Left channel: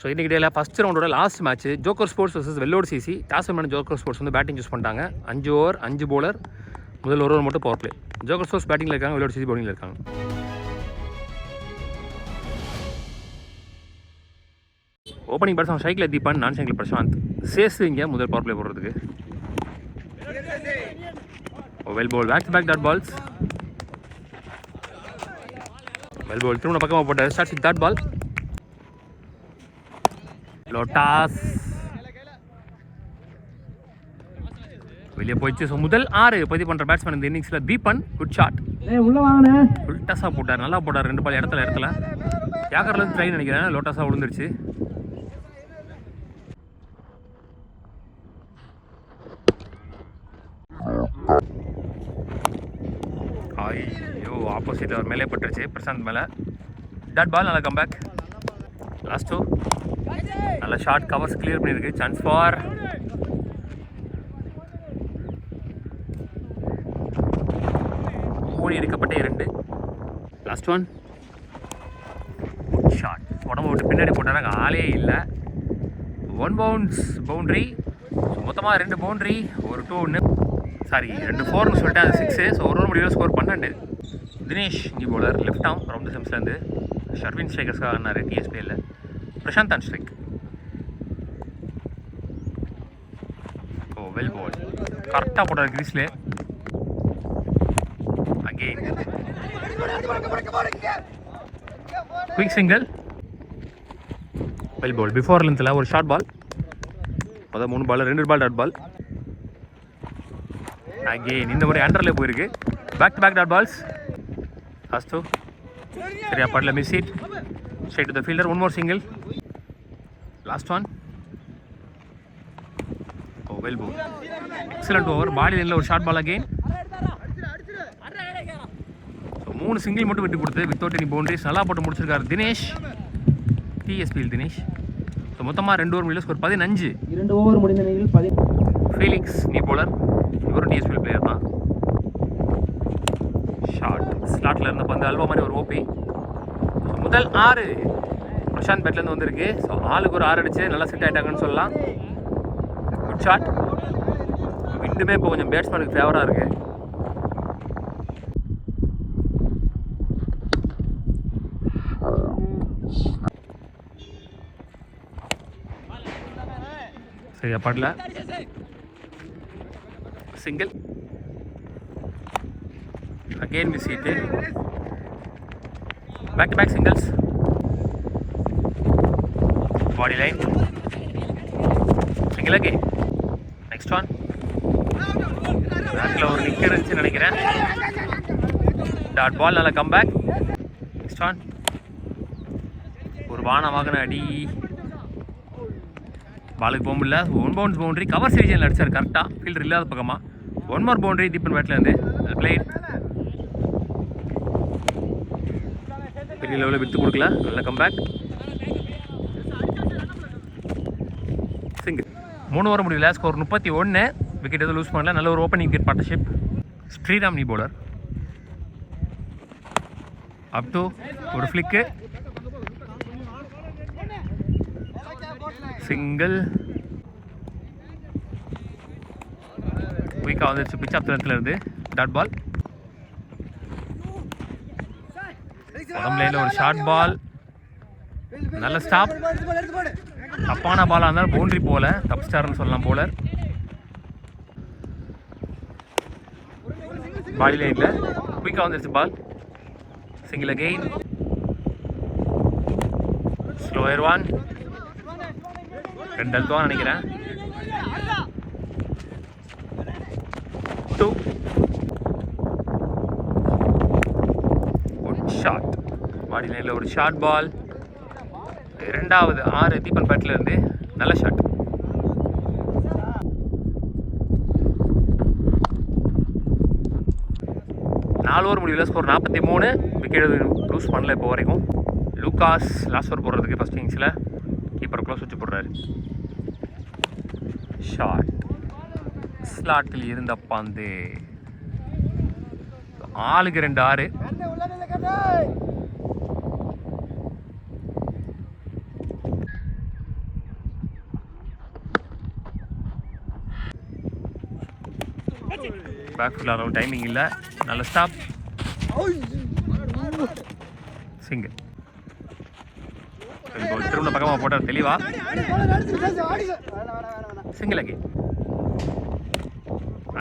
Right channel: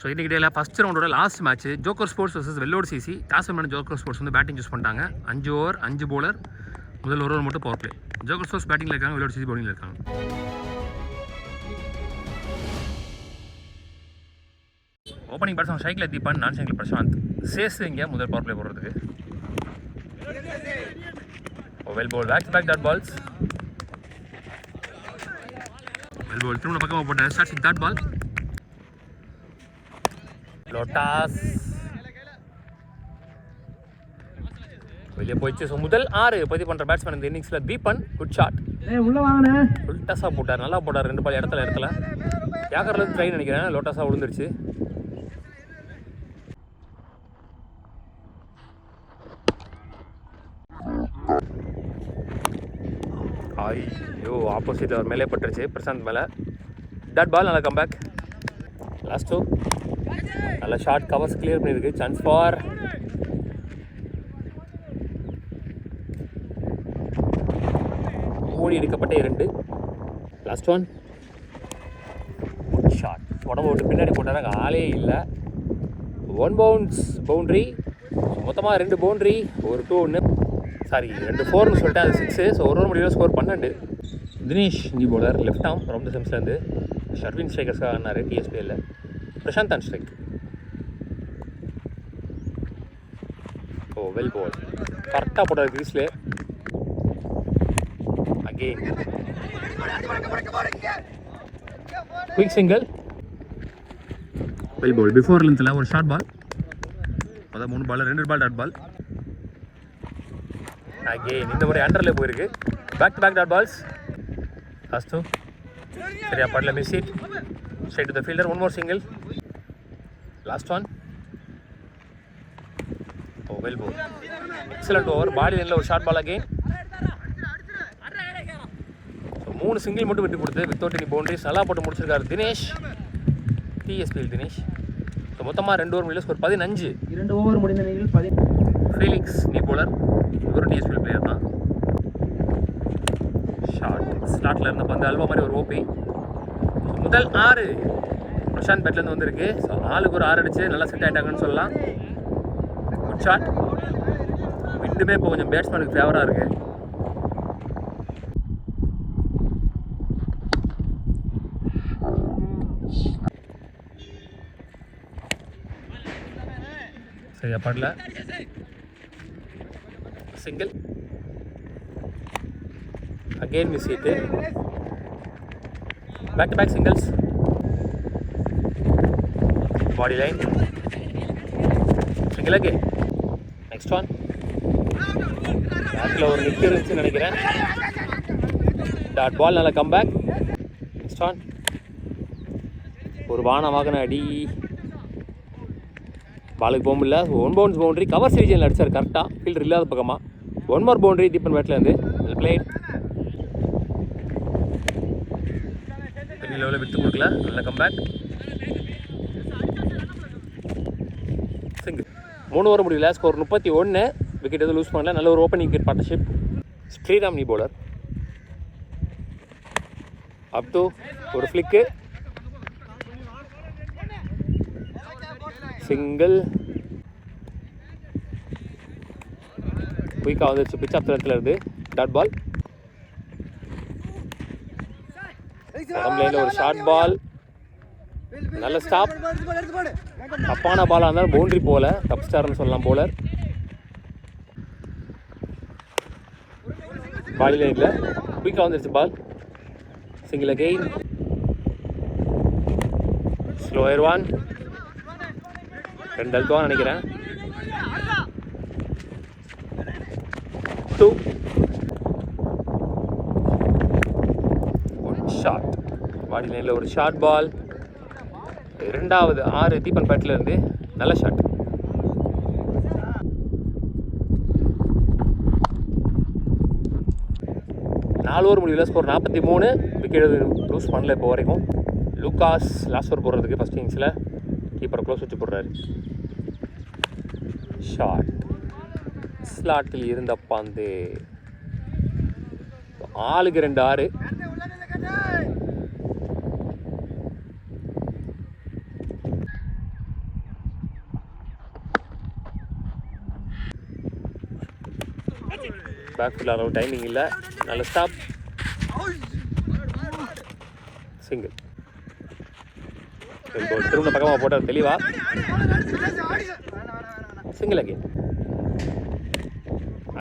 So இன்றைக்கி டேயில் first ரவுண்டோட last match Joker Sports versus வெள்ளோடு CC. Toss win Joker Sports வந்து பேட்டிங் சூஸ் பண்ணிட்டாங்க. 5 ஓவர் 5 bowler, முதல் ஒரு ஓவர் மட்டும் பவர் பிளே. ஜோக்கர் ஸ்போர்ட்ஸ் பேட்டிங்கில் இருக்காங்க, வெள்ளோடு சிசி பவுலிங்கில் இருக்காங்க. ஓப்பனிங் பேட்ஸ்மேன் ஷைக்கில் தீபன், நான் ஷைக்கில் பிரசாந்த். சேஸ் இங்கே முதல் பவர் பிளே போடுறதுக்கு. Well ball, back to back dot balls. Well ball திரும்ப பக்கமாக போட்டார். Starts with dot ball. லோட்டாஸ் வெளியே போயிடுச்சு. ஸோ முதல் 6 பதிவு பண்ணுற பேட்ஸ்மேன் இந்த இன்னிங்ஸில் தீபன். குட் ஷாட், உள்ள வாங்கினே லோட்டாஸாக போட்டார், நல்லா போட்டார். 2 பால் இடத்துல யாக்கர்லேருந்து ட்ரைன் நினைக்கிறேன். லோட்டாஸாக விழுந்துருச்சு. ஐயோ, ஆப்போசிட் அவர் மேலே பட்டுருச்சு, பிரசாந்த் மேலே. டாட் பால், நல்லா கம்பேக். லாஸ்ட் ஓவர் நல்ல ஷார்ட், கவர்ஸ் கிளியர் பண்ணியிருக்கு. சான்ஸ் ஃபார் ஓடி எடுக்கப்பட்ட 2. லாஸ்ட் ஒன் ஷார்ட், உடம்பு விட்டு பின்னாடி போட்டாங்க, ஆளே இல்லை. 1 bounce பவுண்ட்ரி. மொத்தமாக 2 பவுண்ட்ரி, ஒரு 2 சாரி 2 4ன்னு சொல்லிட்டு அது 6. ஸோ ஒரு முடிவில் ஸ்கோர் 12. தினேஷ் இங்கே போலர், லெஃப்ட் ஆம் ரவுண்ட் செம்ஸ்லேருந்து. ஷர்வின் ஸ்ட்ரைக்கர்ஸ்க்காக ஆனார் டிஎஸ்பியில். Prashanth on strike. Oh well ball, கரெக்டாக போட்டார் கிரீஸ்லே. Again quick single. Well ball, before லென்த்தில் ஒரு ஷார்ட் பால். மொதல் 3 பால் 2 பால் டாட் பால். அகெயின் இந்த முறை அண்டரில் போயிருக்கு. Back to back dot balls. அஸ்து சரியா படல, miss it. Straight to the fielder. 1 more single. Last one. Oh well ball, excellent over. Body லைனில் ஒரு short ball again. So 3 single மட்டும் விட்டு கொடுத்து வித்தவுட் எனி பவுண்டரிஸ் நல்லா போட்டு முடிச்சிருக்காரு தினேஷ், டிஎஸ்பியில் தினேஷ். ஸோ மொத்தமாக 2 ஓவர் முடியல, ஸ்கோர் 15. 2 ஓவர் முடிந்த நிலையில் ஃபீலிக்ஸ் நீ போலர், இவரும் டிஎஸ்பியில் பிளேயர் தான். ஷார்ட் ஸ்லாட்டில் இருந்த பந்து அல்வா மாதிரி ஒரு ஓபி. முதல் 6 பிரசாந்த் பேட்லேருந்து வந்திருக்கு. ஸோ ஆளுக்கு ஒரு 6 அடிச்சு நல்லா செட் ஆகிட்டாங்கன்னு சொல்லலாம். Good shot. விண்டுமே இப்போ கொஞ்சம் பேட்ஸ்மேனுக்கு ஃபேவராக இருக்குது. சரியா படல, single. Again miss hit. Back to back singles. Body line. Single again. Next one. பேக்கில் ஒரு கிக் இருந்துச்சுன்னு நினைக்கிறேன். டாட் பால், நல்லா கம் பேக். Next one. ஒரு வாகன அடி. பாலுக்கு போக முடியல. 1 bounce பவுண்டரி. கவர் ரீஜனில் அடிச்சார் கரெக்டாக, ஃபீல்டர் இல்லாத பக்கமாக. 1 more பவுண்டரி தீபன் பேட்லேருந்து. பிளேட் லெவலில் விட்டு கொடுக்கல, நல்ல கம்பேக். சிங்கிள். 3 ஓவர் முடியல, ஸ்கோர் 31. விக்கெட் எதுவும் லூஸ் பண்ணல. நல்ல ஒரு ஓப்பனிங் விக்கெட் பார்ட்னர்ஷிப். ஸ்ரீராம் நீ போலர். அப் டு ஒரு ஃப்ளிக்கு, சிங்கிள். குயிக்காக வந்துருச்சு பிச் ஆஃப் இடத்துல இருந்து. Dot ball. உடம்பு லைனில் ஒரு ஷார்ட் பால், நல்ல ஸ்டாப். தப்பான பாலாக இருந்தாலும் பவுண்டரி போல, டப் ஸ்டார்னு சொல்லலாம் போலர். பாடி லைனில் குயிக்காக வந்துருச்சு பால். Single again. ஸ்லோயர் 1. 2 அழுத்தம் நினைக்கிறேன். 2. ஷார்ட். பாடி லைனில் ஒரு ஷார்ட் பால். 2வது 6 தீபன் பேட்டில் இருந்து நல்ல ஷாட். நாலு ஓவர் முடியல, ஸ்கோர் 43. விக்கெட் லூஸ் பண்ணல இப்போ வரைக்கும். லூகாஸ் லாஸ்ட் ஓவர் போடுறதுக்கு ஃபஸ்ட் இன்னிங்ஸில் கீப்பர் க்ளோஸ் வச்சு போடுறாரு. ஷாட் ஸ்லாட்டில் இருந்த பந்து ஆளுக்கு 2 6. பேக் ஃபுல் அளவு டைமிங் இல்லை. நல்ல ஸ்டாப். சிங்கிள். திரும்ப பக்கமாக போட்டார் தெளிவா. Single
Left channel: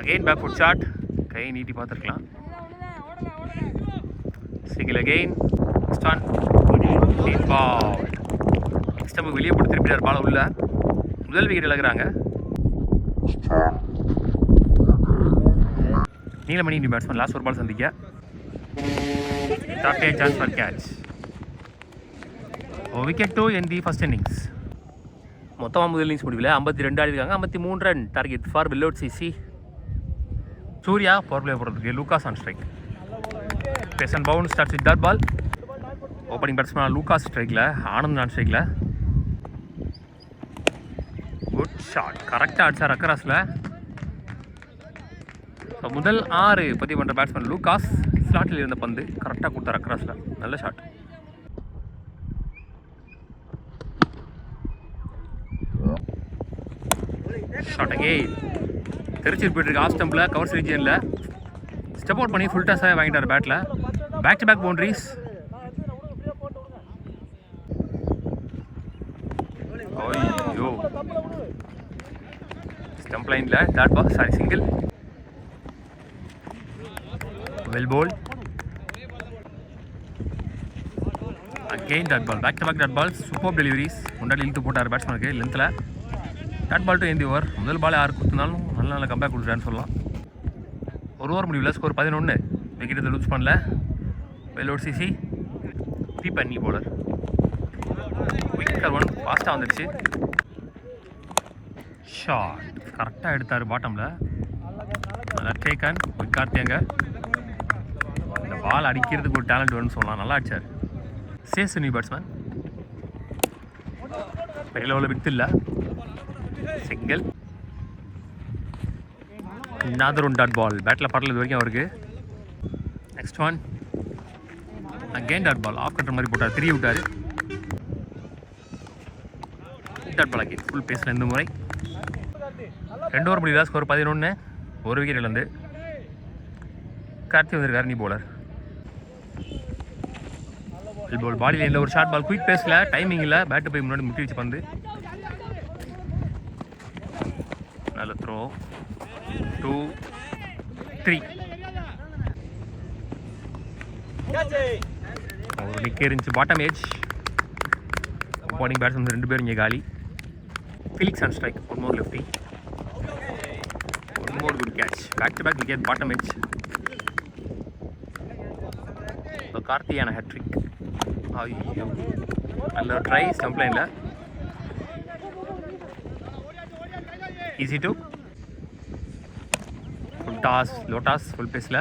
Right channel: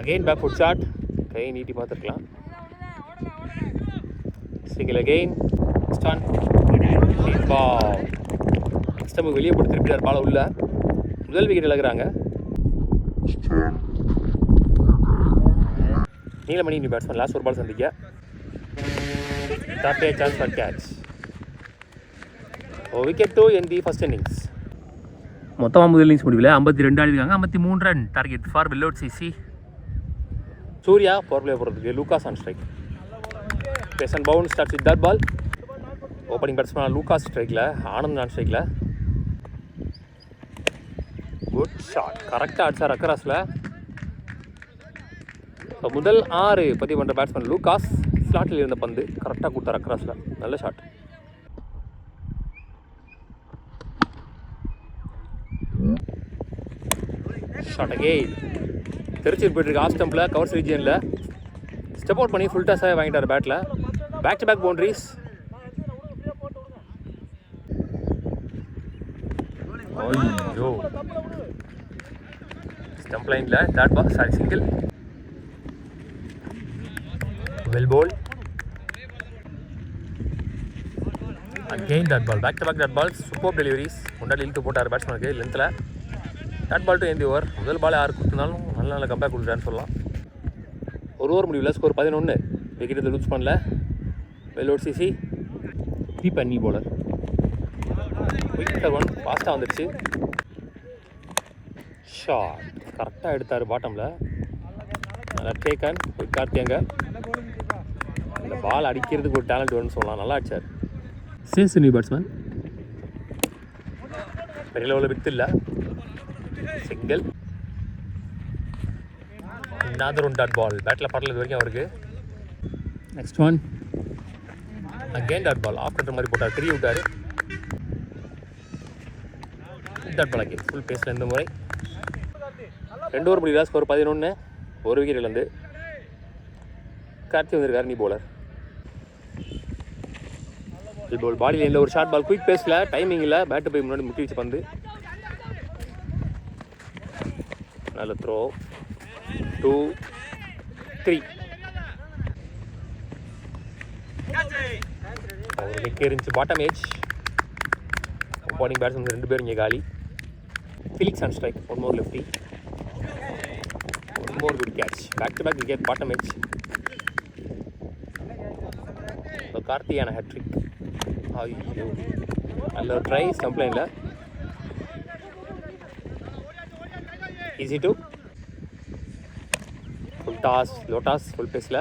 again back foot shot. கை நீட்டி பார்த்துருக்கலாம். Single again. ஸ்டான் பால். நெக்ஸ்ட் நம்ம வெளியே போட்டு திருப்பிட்டார் பால் உள்ள. முதல் விக்கெட் இழக்கிறாங்க. நீலமணி நியூ பேட்ஸ்மேன் லாஸ்ட் ஒரு பால் சந்திக்க. Top chance for catch. Wicket 2 in the first innings. மொத்தமாக முதல் இன்னிங்ஸ் முடிவில் 52 ஆடிருக்காங்க. 53 ரன் டார்கெட் ஃபார் வில்லோட் சிசி. சூர்யா பவர் பிளே போடுறதுக்கு. Lucas on strike. Pace and bound starts with dot ball. Opening batsman Lucas ஸ்ட்ரைக்கில், Anand on ஸ்ட்ரைக்கில். Good shot. கரெக்டாக அடிச்சார் அக்கராஸில். முதல் 6 பதிவு பண்ணுற பேட்ஸ்மேன் லூகாஸ். ஸ்லாட்டில் இருந்த பந்து கரெக்டாக கொடுத்தார் அக்ராஸில். நல்ல ஷாட். Shot again. தெரிச்சிட்டு போயிட்டுருக்கு ஆஃப் ஸ்டம்பில், கவர்ஸ் ரீஜியனில். ஸ்டெப் அவுட் பண்ணி ஃபுல் டாஸாக வாங்கிட்டார் பேட்டில். Back to back boundaries. ஐயோ, ஸ்டம்ப் லைனில் dot ball. Sorry, single. Well bowled. Again dot ball. Back to back dot ball. Super deliveries. முன்னாடி இழுத்து போட்டார் பேட்ஸ்மேனுக்கு லென்த்தில். Dot ball to end the over. முதல் பால் யாருக்கு கொடுத்துருந்தாலும் நல்ல கம்பேக் கொடுத்துட்டான்னு சொல்லலாம். ஒரு ஓவர் முடிவில் ஸ்கோர் 11. விக்கெட் லூஸ் பண்ணல. வெல்லோட் சிசி. பி பண்ணி போலர். விக்கெட் 1 ஃபாஸ்ட்டாக வந்துடுச்சு. ஷாட் கரெக்டாக எடுத்தார் பாட்டமில். நல்லா டேக்கன். கார்த்தியங்க இந்த பால் அடிக்கிறதுக்கு ஒரு டேலண்ட் வேணும்னு சொல்லலாம். நல்லா அடிச்சார். Chase new batsman. பெரிய லெவலில் வித்து இல்லை. Single. another one dot ball. பேட்டில் படல இது வரைக்கும் அவருக்கு. Next one again dot ball. Off கட்டுற மாதிரி போட்டார். 3 விட்டார். Dot ball again. ஃபுல் பேஸில் இந்த முறை. 2 ஓவர் முடியல. ஸ்கோர் 11. ஒரு விக்கெட் இழந்து. கார்த்தி வந்திருக்காரு நீ போலர். பால் பாடியில் இல்லை. ஒரு ஷார்ட் பால். குயிக் பேஸில் டைமிங் இல்லை. பேட்டு போய் முன்னாடி முட்டி வச்சு பந்து. நல்ல த்ரோ. 2 3. ஒரு நிக்க இருந்துச்சு பாட்டம் ஏஜ். ஓப்பனிங் பேட்ஸ்மேன் 2 பேர் இங்கே காலி. Felix on strike. 1 more lefty. 1 more good catch. Back to back wicket bottom edge. கார்த்தியான ஹேட்ரிக். ஐயோ, நல்ல ட்ரை. ஸ்டம்ப் லைனில். Easy two. Full toss. லோட்டாஸ் ஃபுல் பேஸில்.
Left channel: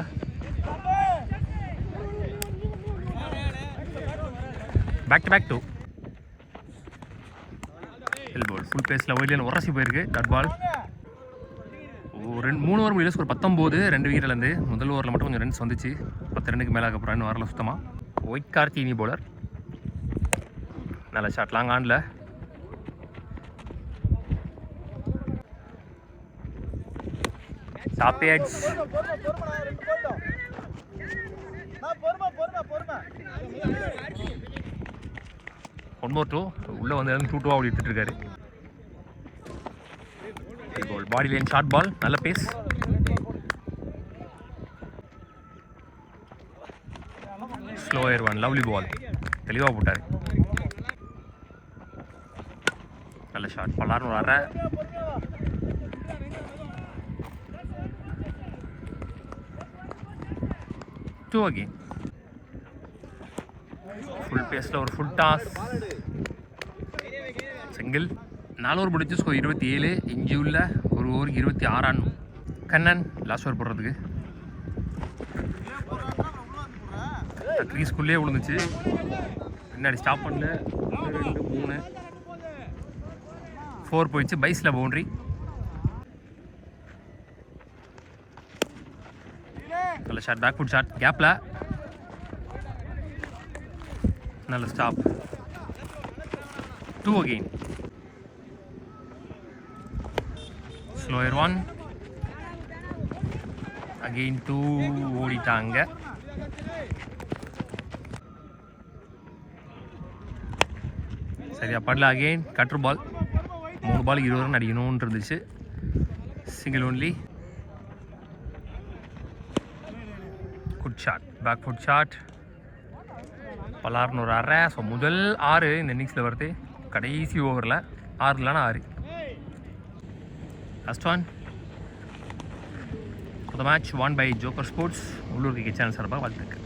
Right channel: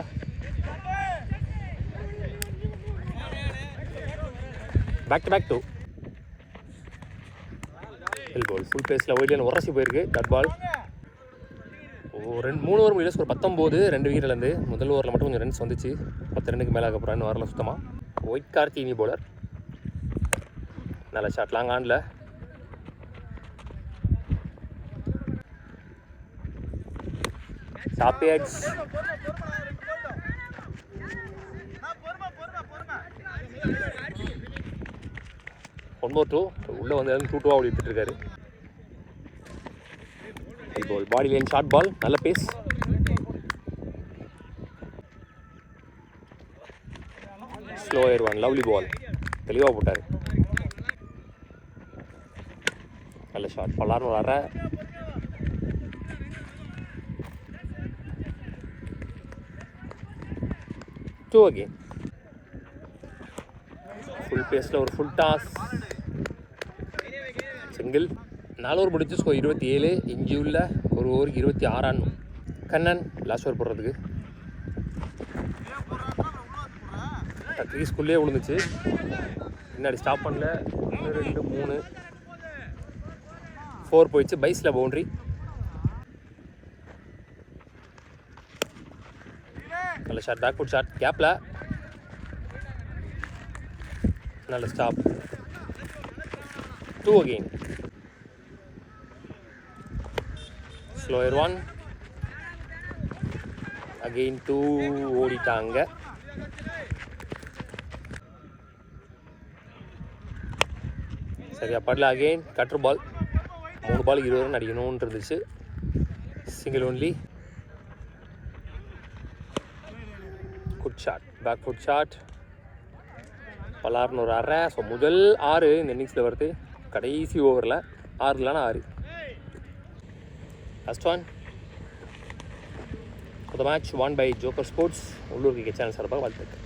Back to back 2. Ball full பேஸில் ஒயிலியன் உரசி போயிருக்கு. Dot ball. 3 ஓவர் முடியல. ஸ்கோர் 19. 2 விக்கெட்லேருந்து. முதல் ஓவரில் மட்டும் கொஞ்சம் ரன்ஸ் வந்துச்சு. 10 ரன்னுக்கு மேலே அப்புறம் இன்னும் வரல சுத்தமாக. ஒயிட் கார்த்தி நீ போலர். நல்ல ஷாட். லாங் ஆனில். Top edge. One more 2. உள்ளே வந்து 2-2 அப்படி எடுத்துகிட்டு இருக்காரு. Body line short ball. நல்ல பேஸ். ஸ்லோயர் 1. லவ்லி பால். தெளிவாக போட்டார். நல்ல ஷாட். பல்லார்னு வர. Two again. ஃபுல் பேஸில் ஒரு ஃபுல் டாஸ். சிங்கிள். 4 ஓவர் முடிச்சு ஸ்கோர் 27. இஞ்சி உள்ள ஒரு ஓவருக்கு 26 ரன். கண்ணன் லாஸ்ட் ஓவர் போடுறதுக்கு. க்ரீஸ்குள்ளே விழுந்துச்சு. பின்னாடி ஸ்டாப் பண்ணல. 1 2 3 4 போயிடுச்சு. பைஸில் பவுண்ட்ரி. நல்ல ஷாட். Back foot shot. கேப்பில் நல்ல ஸ்டாப். 2 அகெயின். ஸ்லோயர் 1. அகெயின் 2 ஓடிட்டாங்க. சரியா படல. Again cutter ball. 3 ball 20 run அடிக்கணும்னு இருந்துச்சு. Single only. Good shot, back foot shot. பலார்னு ஒரு அரை. ஸோ முதல் 6 இந்த இன்னிங்ஸில் வருது. கடைசி ஓவரில் 6 இல்லைனா 6. Last one the match won by joker sports. உள்ளூர் கிரிக்கெட் சேனல் சார்பாக வாழ்த்துக்கள்.